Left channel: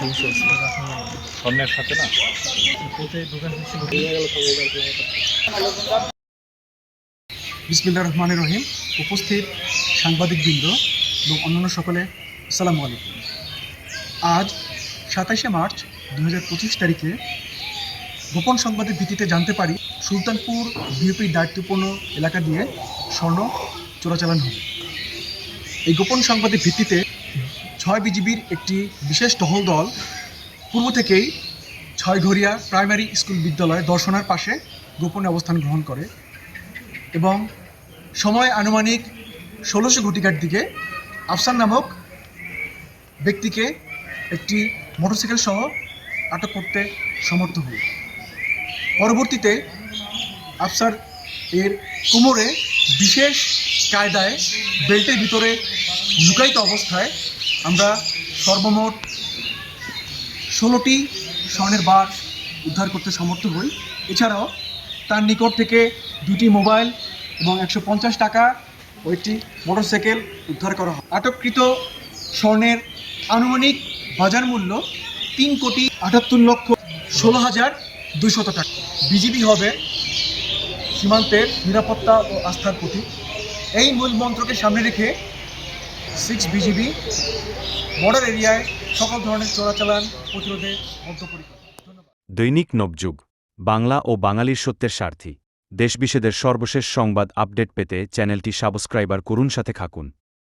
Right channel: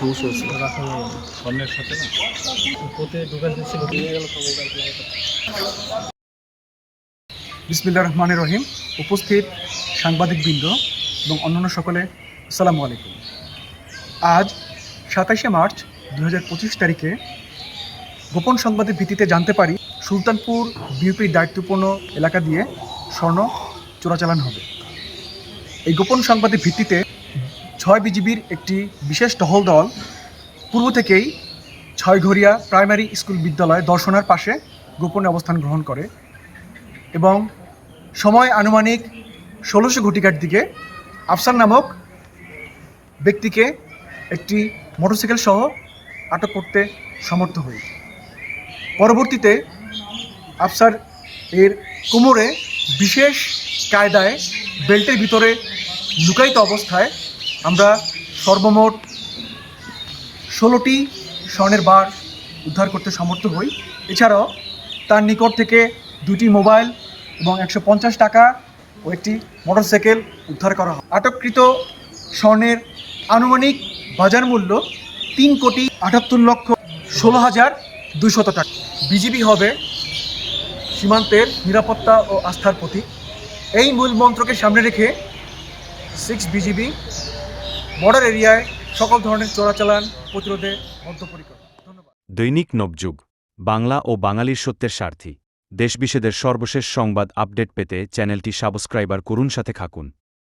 সমস্যা আছে। স্বর্ণের সাথে না বিসমিল্লাহির রহমানির রহিম। উপস্থিত সাংবাদিকবৃন্দ এবং অন্যান্য সকলে আসসালামু আলাইকুম। আজ ২৭শে মার্চ ২০২৫ তারিখে গোপন সংবাদের ভিত্তিতে জানতে পারি সুলতানপুর বিউপির দায়িত্বপূর্ণ এলাকা দিয়ে স্বর্ণ চোরাচালান হবে। এই গোপন সংবাদের ভিত্তিতে ৬ বিজিবির একটি বিশেষ টহল দল পূর্ব থেকেই ছয়ঘরিয়া প্রাইমারি স্কুল বিদ্যালয় দর্শনার পাশে গোপনে অবস্থান গ্রহণ করে এবং সময় আনুমানিক ১৬০০ ঘটিকার দিকে আফসার নামক ব্যক্তিকে একটি মোটরসাইকেল সহ আটক করতে সমর্থ হই। পরবর্তীতে আফসার এর কোমরে বিশেষ কায়দায় বেল্টের ভিতরে লুকায়িত অবস্থায় আমরা সর্বমোট ১৬টি স্বর্ণের বার উদ্ধার করতে সমর্থ হই। এছাড়াও তার নিকট থেকে ২টি মোবাইল এবং ১৫০ টাকা ও একটি মোটরসাইকেল উদ্ধার করা হয়। আটককৃত স্বর্ণের আনুমানিক বাজার মূল্য ৩,৭৮,১৬,২০০ টাকা। বিজিবি হবে সীমান্তের নিরাপত্তা ও আস্থার প্রতীক। এই মূল মন্ত্রকে সামনে রেখে 6 বিজিবি বর্ডার এরিয়ায় সকল ধরনের চোরাচালান প্রতিরোধে বদ্ধপরিকর। ধন্যবাদ। দৈনিক নবযুগ, বাংলা ও বাঙালির সত্যের স্বার্থী। দেশবিশেষের সর্বশেষ সংবাদ আপডেট পেতে চ্যানেলটি সাবস্ক্রাইবার করুন, সাথে থাকুন।